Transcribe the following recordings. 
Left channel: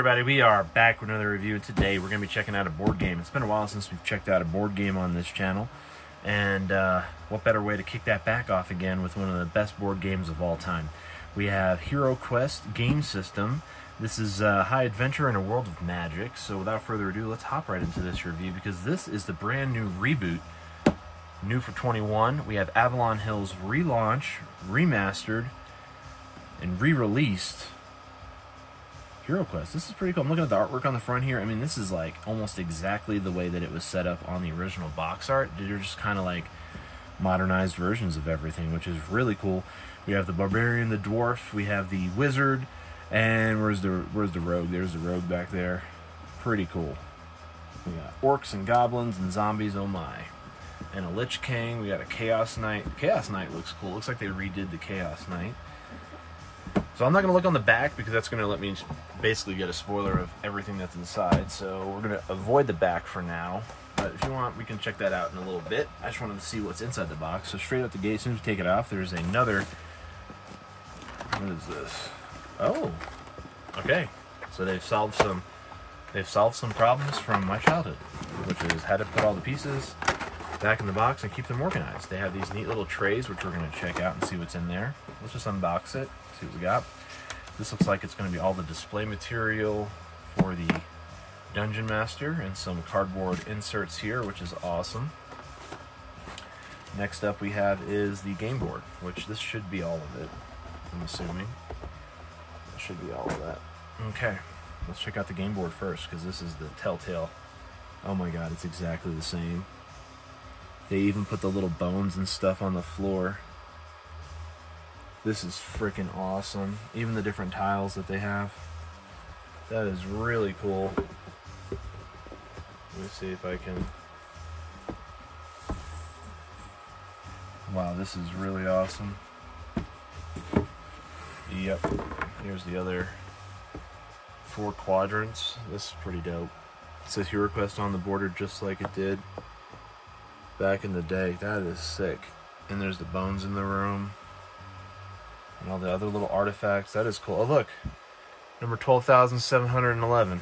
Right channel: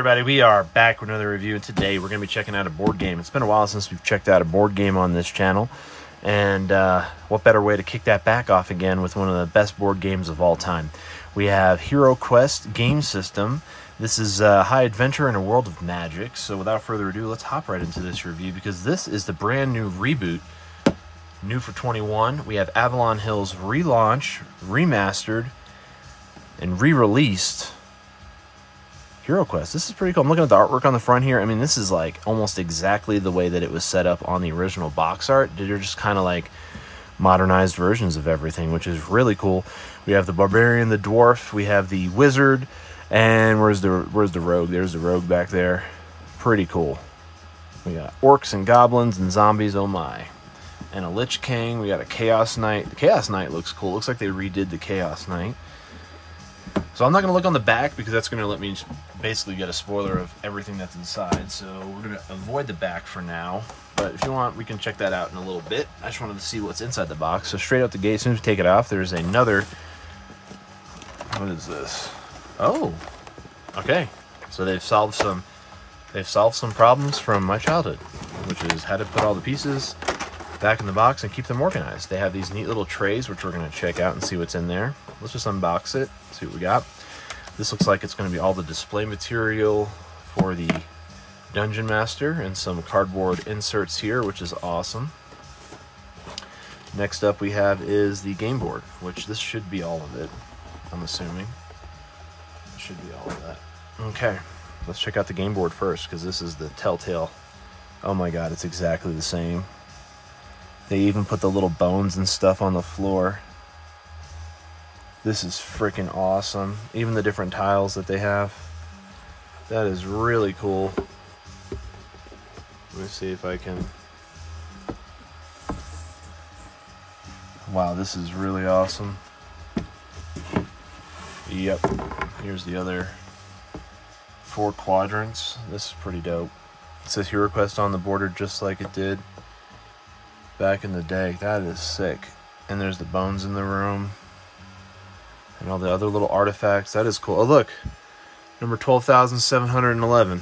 Everybody, we are back with another review, and today we're going to be checking out a board game. It's been a while since we've checked out a board game on this channel, and what better way to kick that back off again with one of the best board games of all time. We have Heroquest game system. This is high adventure in a world of magic, so without further ado, let's hop right into this review, because this is the brand new reboot, new for 21. We have Avalon Hill's relaunch, remastered, and re-released Heroquest. This is pretty cool. I'm looking at the artwork on the front here. I mean, this is like almost exactly the way that it was set up on the original box art. They're just kind of like modernized versions of everything, which is really cool. We have the barbarian, the dwarf, we have the wizard, and where's the rogue? There's the rogue back there. Pretty cool. We got orcs and goblins and zombies, oh my. And a lich king. We got a chaos knight. The chaos knight looks cool. Looks like they redid the chaos knight. So I'm not going to look on the back because that's going to let me basically get a spoiler of everything that's inside. So we're going to avoid the back for now. But if you want, we can check that out in a little bit. I just wanted to see what's inside the box. So straight out the gate, as soon as we take it off, there's another... What is this? Oh, okay. So they've solved some problems from my childhood, which is how to put all the pieces back in the box and keep them organized. They have these neat little trays, which we're going to check out and see what's in there. Let's just unbox it, see what we got. This looks like it's going to be all the display material for the Dungeon Master and some cardboard inserts here, which is awesome. Next up we have is the game board, which this should be all of it, I'm assuming. It should be all of that. Okay, let's check out the game board first, because this is the telltale. Oh my god, it's exactly the same. They even put the little bones and stuff on the floor. This is freaking awesome. Even the different tiles that they have. That is really cool. Let me see if I can... Wow, this is really awesome. Yep. Here's the other 4 quadrants. This is pretty dope. It says Heroquest on the border just like it did back in the day. That is sick. And there's the bones in the room. And all the other little artifacts. That is cool. Oh, look. Number 12,711.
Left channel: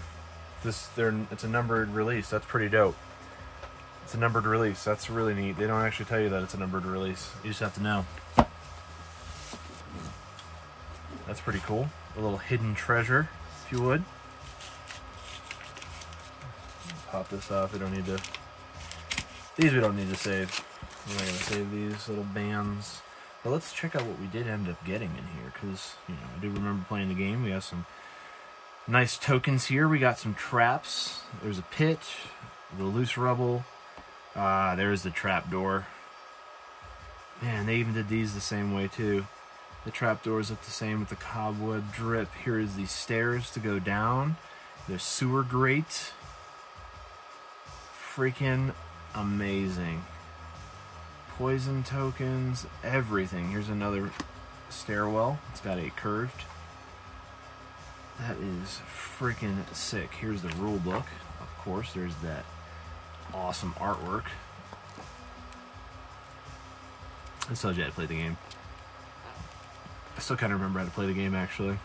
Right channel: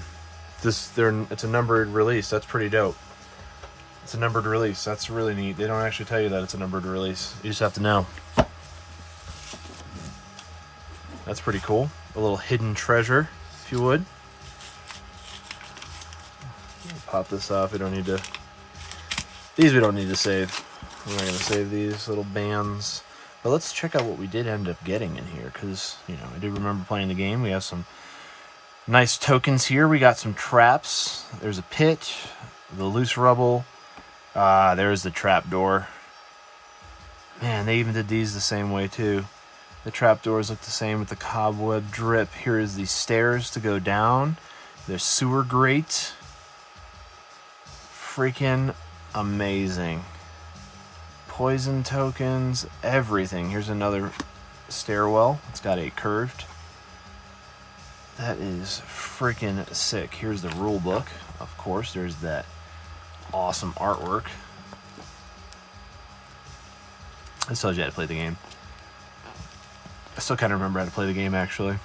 It's a numbered release. That's pretty dope. It's a numbered release. That's really neat. They don't actually tell you that it's a numbered release. You just have to know. That's pretty cool. A little hidden treasure, if you would. Pop this off. We don't need to... These we don't need to save. I'm not going to save these little bands. But let's check out what we did end up getting in here, because, you know, I do remember playing the game. We have some nice tokens here. We got some traps. There's a pit, the loose rubble. There's the trap door. Man, they even did these the same way, too. The trap doors look the same with the cobweb drip. Here is the stairs to go down. There's sewer grate. Freaking amazing. Poison tokens, everything. Here's another stairwell. It's got a curved. That is freaking sick. Here's the rule book. Of course, there's that awesome artwork. This tells you how to play the game. I still kind of remember how to play the game, actually.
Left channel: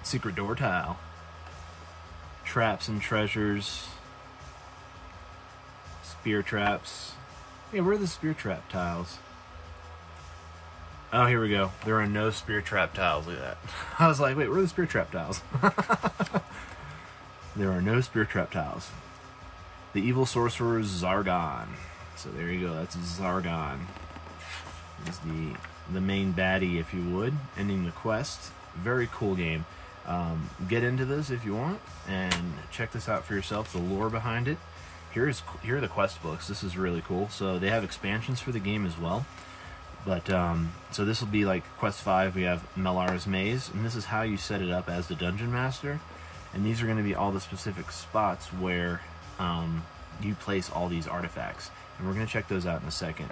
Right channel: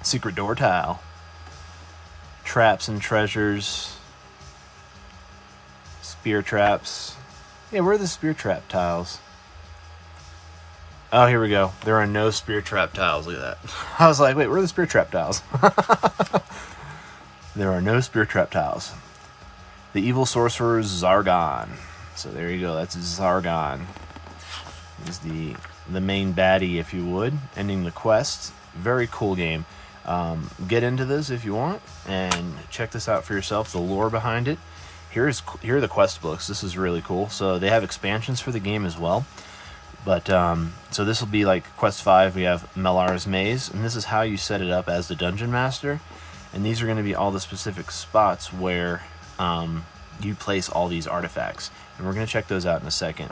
Secret door tile. Traps and treasures. Spear traps. Yeah, where are the spear trap tiles? Oh, here we go. There are no spear trap tiles. Look at that. I was like, wait, where are the spear trap tiles? There are no spear trap tiles. The evil sorcerer Zargon. So there you go. That's Zargon. He's the main baddie, if you would, ending the quest. Very cool game. Get into this if you want and check this out for yourself. The lore behind it. Here are the quest books. This is really cool. So they have expansions for the game as well. But so this will be like Quest 5. We have Melar's Maze, and this is how you set it up as the Dungeon Master. And these are going to be all the specific spots where you place all these artifacts. And we're going to check those out in a second.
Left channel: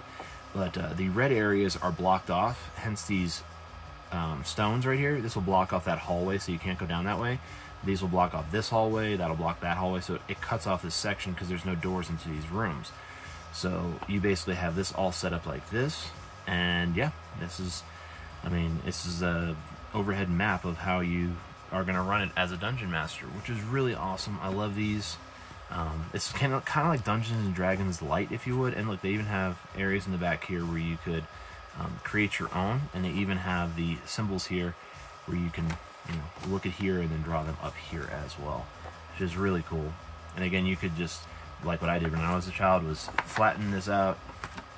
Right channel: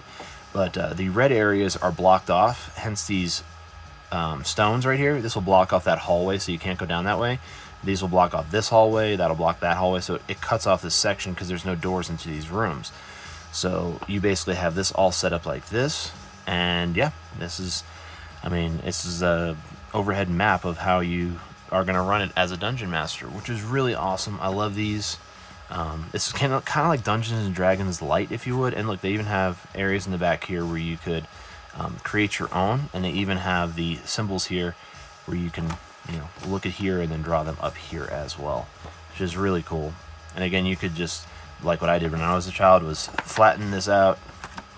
But the red areas are blocked off, hence these stones right here. This will block off that hallway, so you can't go down that way. These will block off this hallway, that'll block that hallway, so it cuts off this section because there's no doors into these rooms. So you basically have this all set up like this, and yeah, this is, I mean, this is a overhead map of how you are going to run it as a dungeon master, which is really awesome. I love these. It's kind of like Dungeons and Dragons Light, if you would. And look, they even have areas in the back here where you could create your own, and they even have the symbols here where you can, you know, look at here and then draw them up here as well, which is really cool. And again, you could just, like what I did when I was a child, was flatten this out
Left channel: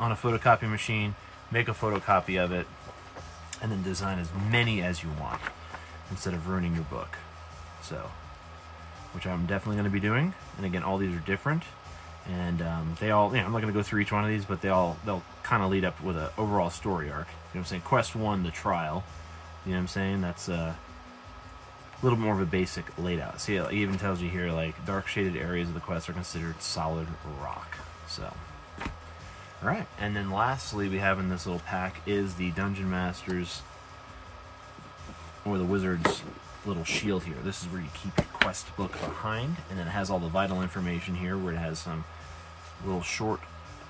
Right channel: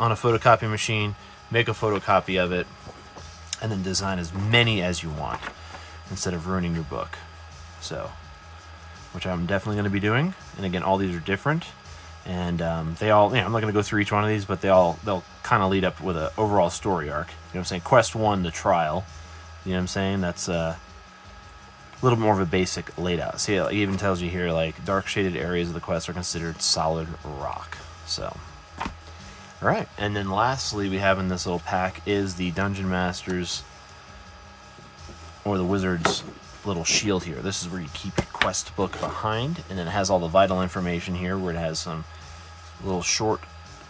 on a photocopy machine, make a photocopy of it, and then design as many as you want instead of ruining your book. So, which I'm definitely going to be doing. And again, all these are different, and they all, you know, I'm not going to go through each one of these, but they'll kind of lead up with an overall story arc. You know what I'm saying? Quest 1, the trial. You know what I'm saying? That's a little more of a basic laid out. See, it even tells you here, like, dark shaded areas of the quest are considered solid rock. So, all right. And then lastly, we have in this little pack is the Dungeon Master's, or the Wizard's, little shield here. This is where you keep your quest book behind, and then it has all the vital information here, where it has some little short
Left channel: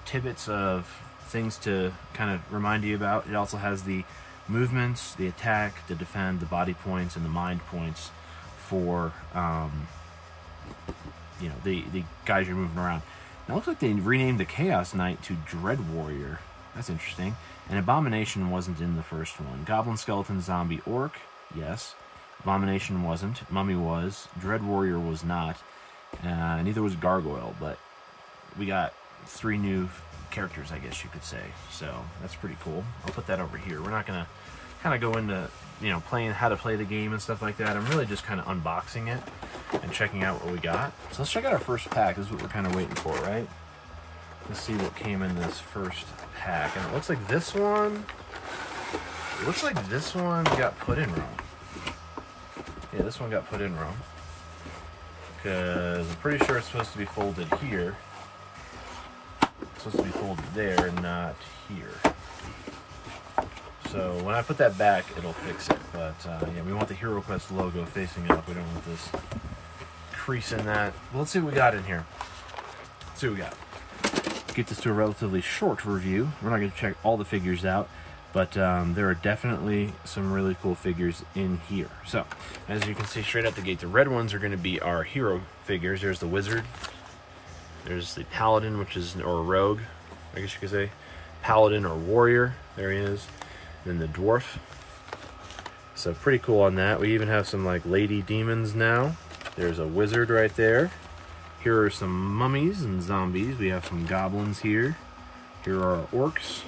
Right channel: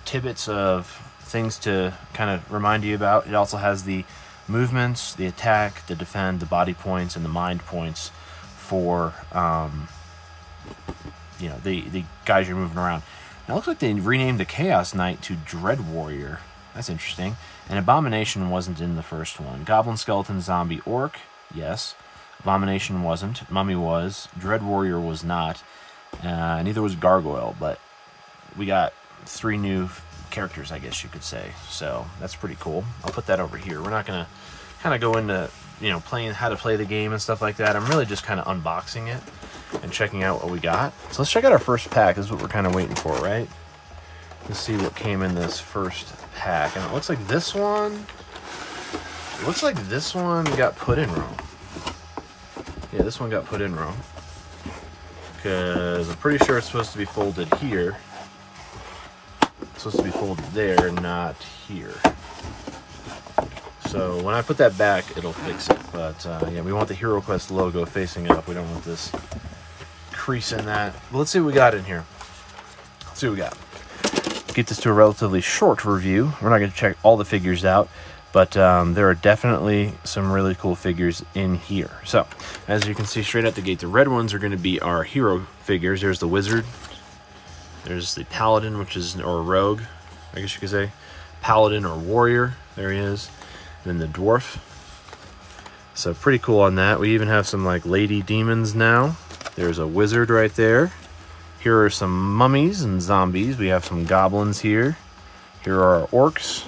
tidbits of things to kind of remind you about. It also has the movements, the attack, the defend, the body points, and the mind points for you know, the guys you're moving around. Now it looks like they renamed the Chaos Knight to Dread Warrior. That's interesting. And Abomination wasn't in the first one. Goblin, Skeleton, Zombie, Orc, yes. Abomination wasn't. Mummy was. Dread Warrior was not. Neither was Gargoyle, but we got 3 new characters, I guess you could say. So that's pretty cool. I'll put that over here. We're not going to kind of go into, you know, playing how to play the game and stuff like that. I'm really just kind of unboxing it and checking out what we got. So let's check out our first pack. This is what we're kind of waiting for, right? Let's see what came in this first pack. And it looks like this one got put in wrong. Yeah, this one got put in wrong, because I'm pretty sure it's supposed to be folded here. It's supposed to be folded there, not here. So when I put that back, it'll fix it. But yeah, we want the Heroquest logo facing up. We don't want this crease in that. But let's see what we got in here. Let's see what we got. Get this to a relatively short review. We're not going to check all the figures out, but there are definitely some really cool figures in here. So, as you can see straight out the gate, the red ones are going to be our hero figures. There's the Wizard. There's the Paladin, which is, or Rogue, I guess you could say. Paladin or Warrior. There he is. And then the Dwarf. So, pretty cool on that. We even have some, like, Lady Demons now. There's a Wizard right there. Here are some mummies and zombies. We have some goblins here. Here are our orcs.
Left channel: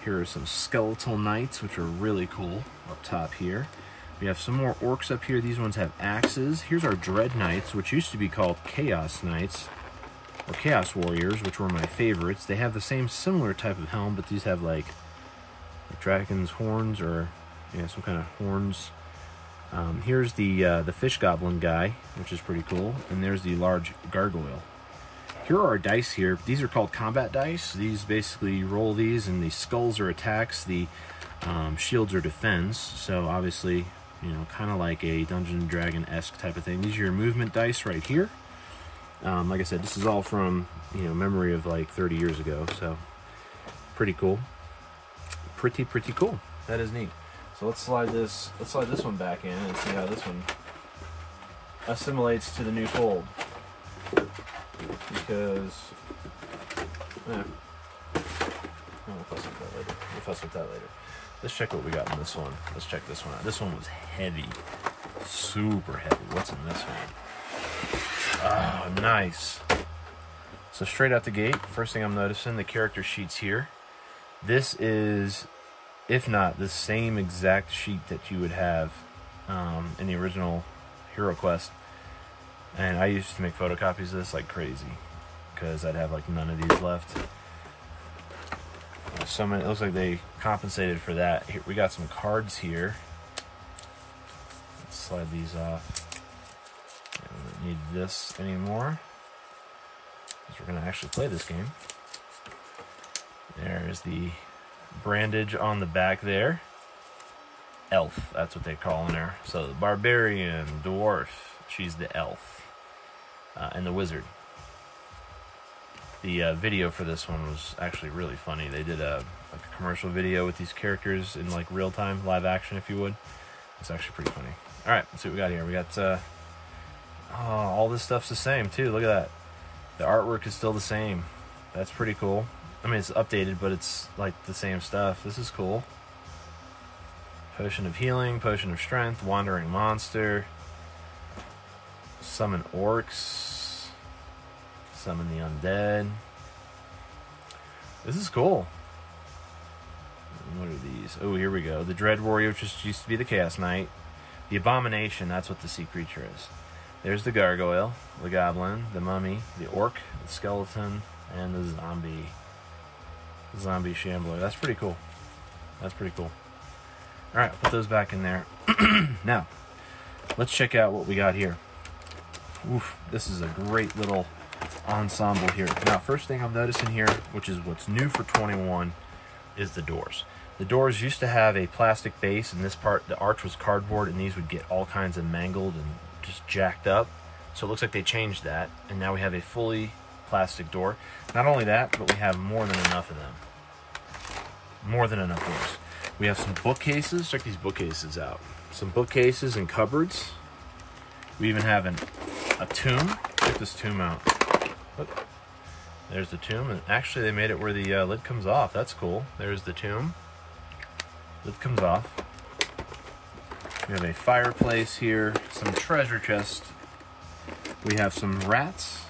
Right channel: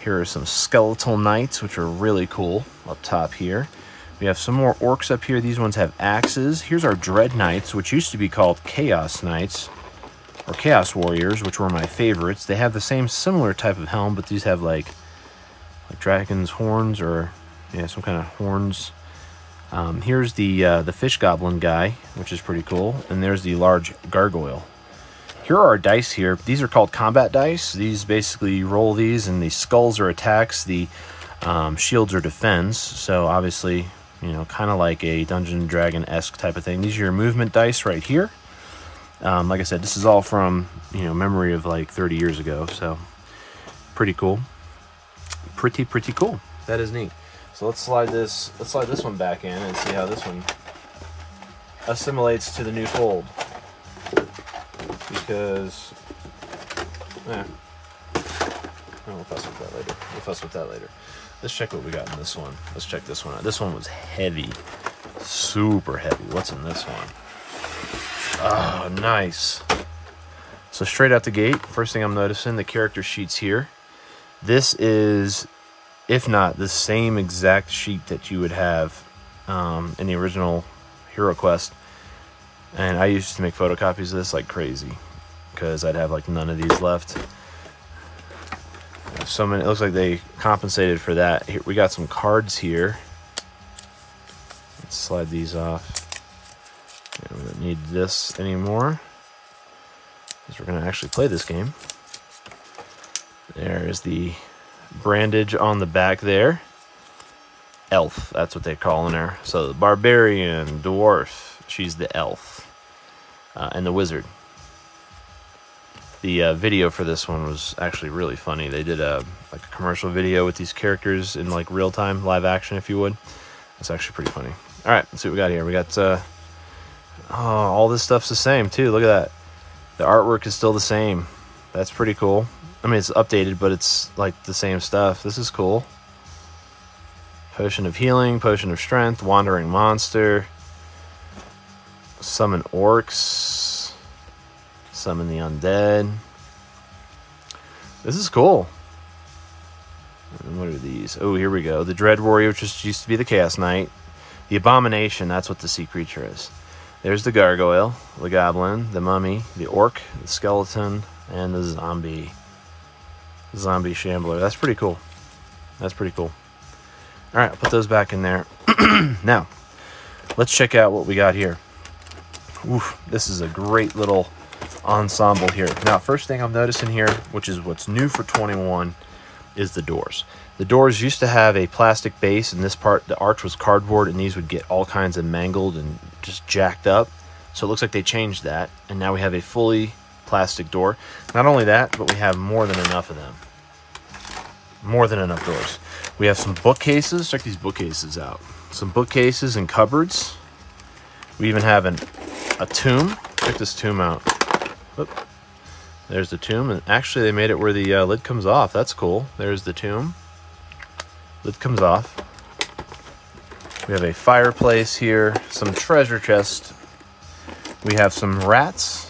Here are some skeletal knights, which are really cool up top here. We have some more orcs up here. These ones have axes. Here's our dread knights, which used to be called chaos knights or chaos warriors, which were my favorites. They have the same similar type of helm, but these have like dragon's horns, or yeah, some kind of horns. Here's the fish goblin guy, which is pretty cool. And there's the large gargoyle. Here are our dice here. These are called combat dice. These basically, you roll these, and the skulls are attacks, the shields are defense. So obviously, you know, kind of like a Dungeon Dragon-esque type of thing. These are your movement dice right here. Like I said, this is all from, you know, memory of like 30 years ago. So pretty cool. Pretty cool. That is neat. So let's slide this one back in and see how this one assimilates to the new fold. Because, we'll fuss with that later. We'll fuss with that later. Let's check what we got in this one. Let's check this one out. This one was heavy. Super heavy. What's in this one? Oh, nice. So straight out the gate, first thing I'm noticing, the character sheets here. This is, if not the same exact sheet that you would have in the original Heroquest. And I used to make photocopies of this like crazy, because I'd have like none of these left. So many, it looks like they compensated for that. Here, we got some cards here. Let's slide these off. Yeah, we don't need this anymore, because we're going to actually play this game. There's the brandage on the back there. Elf, that's what they call in there. So the barbarian, dwarf, she's the elf. And the wizard. The video for this one was actually really funny. They did like a commercial video with these characters in like real time, live action, if you would. It's actually pretty funny. All right, let's see what we got here. We got all this stuff's the same too. Look at that. The artwork is still the same. That's pretty cool. I mean, it's updated, but it's like the same stuff. This is cool. Potion of healing, potion of strength, wandering monster, summon orcs, summon the undead. This is cool. And what are these? Oh, here we go. The Dread Warrior, which used to be the Chaos Knight. The Abomination, that's what the sea creature is. There's the Gargoyle, the Goblin, the Mummy, the Orc, the Skeleton, and the Zombie Shambler. That's pretty cool. That's pretty cool. All right, I'll put those back in there. Now, let's check out what we got here. Oof, this is a great little ensemble here. Now, first thing I'm noticing here, which is what's new for 21, is the doors. The doors used to have a plastic base, and this part, the arch was cardboard, and these would get all kinds of mangled and just jacked up. So it looks like they changed that, and now we have a fully plastic door. Not only that, but we have more than enough of them. More than enough doors. We have some bookcases. Check these bookcases out. Some bookcases and cupboards. We even have a tomb. Check this tomb out. Oop. There's the tomb, and actually they made it where the lid comes off. That's cool. There's the tomb. Lid comes off. We have a fireplace here, some treasure chest. We have some rats.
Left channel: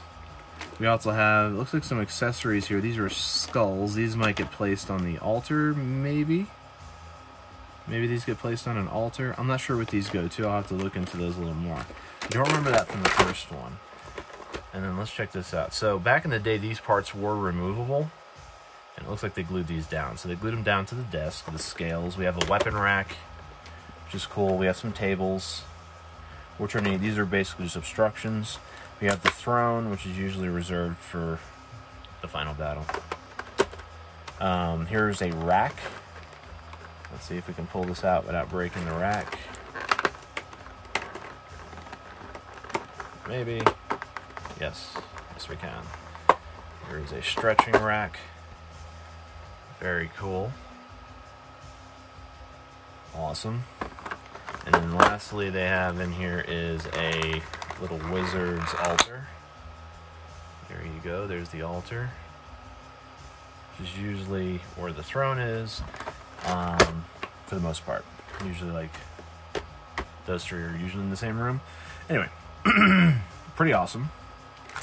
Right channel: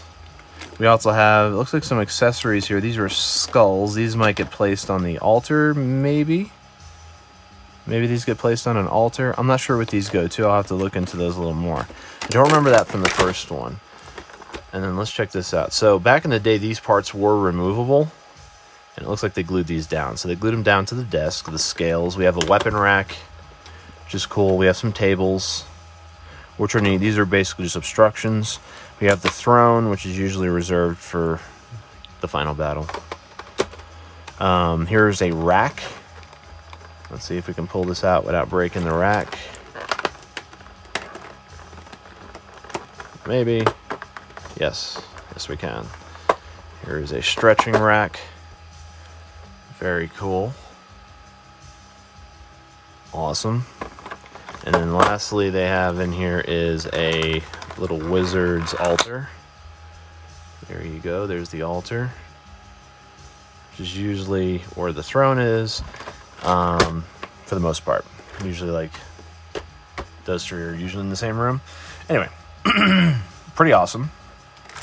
We also have, it looks like some accessories here. These are skulls. These might get placed on the altar, maybe. Maybe these get placed on an altar. I'm not sure what these go to. I'll have to look into those a little more. I don't remember that from the first one. And then let's check this out. So back in the day, these parts were removable. And it looks like they glued these down. So they glued them down to the desk, the scales. We have a weapon rack, which is cool. We have some tables, which are neat. These are basically just obstructions. We have the throne, which is usually reserved for the final battle. Here's a rack. Let's see if we can pull this out without breaking the rack. Maybe. Yes. Yes, we can. Here's a stretching rack. Very cool. Awesome. And then lastly, they have in here is a little wizard's altar. There you go. There's the altar, which is usually where the throne is, for the most part. Usually, like, those three are usually in the same room. Anyway, pretty awesome.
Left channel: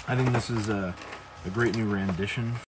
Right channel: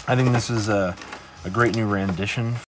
I think this is a great new rendition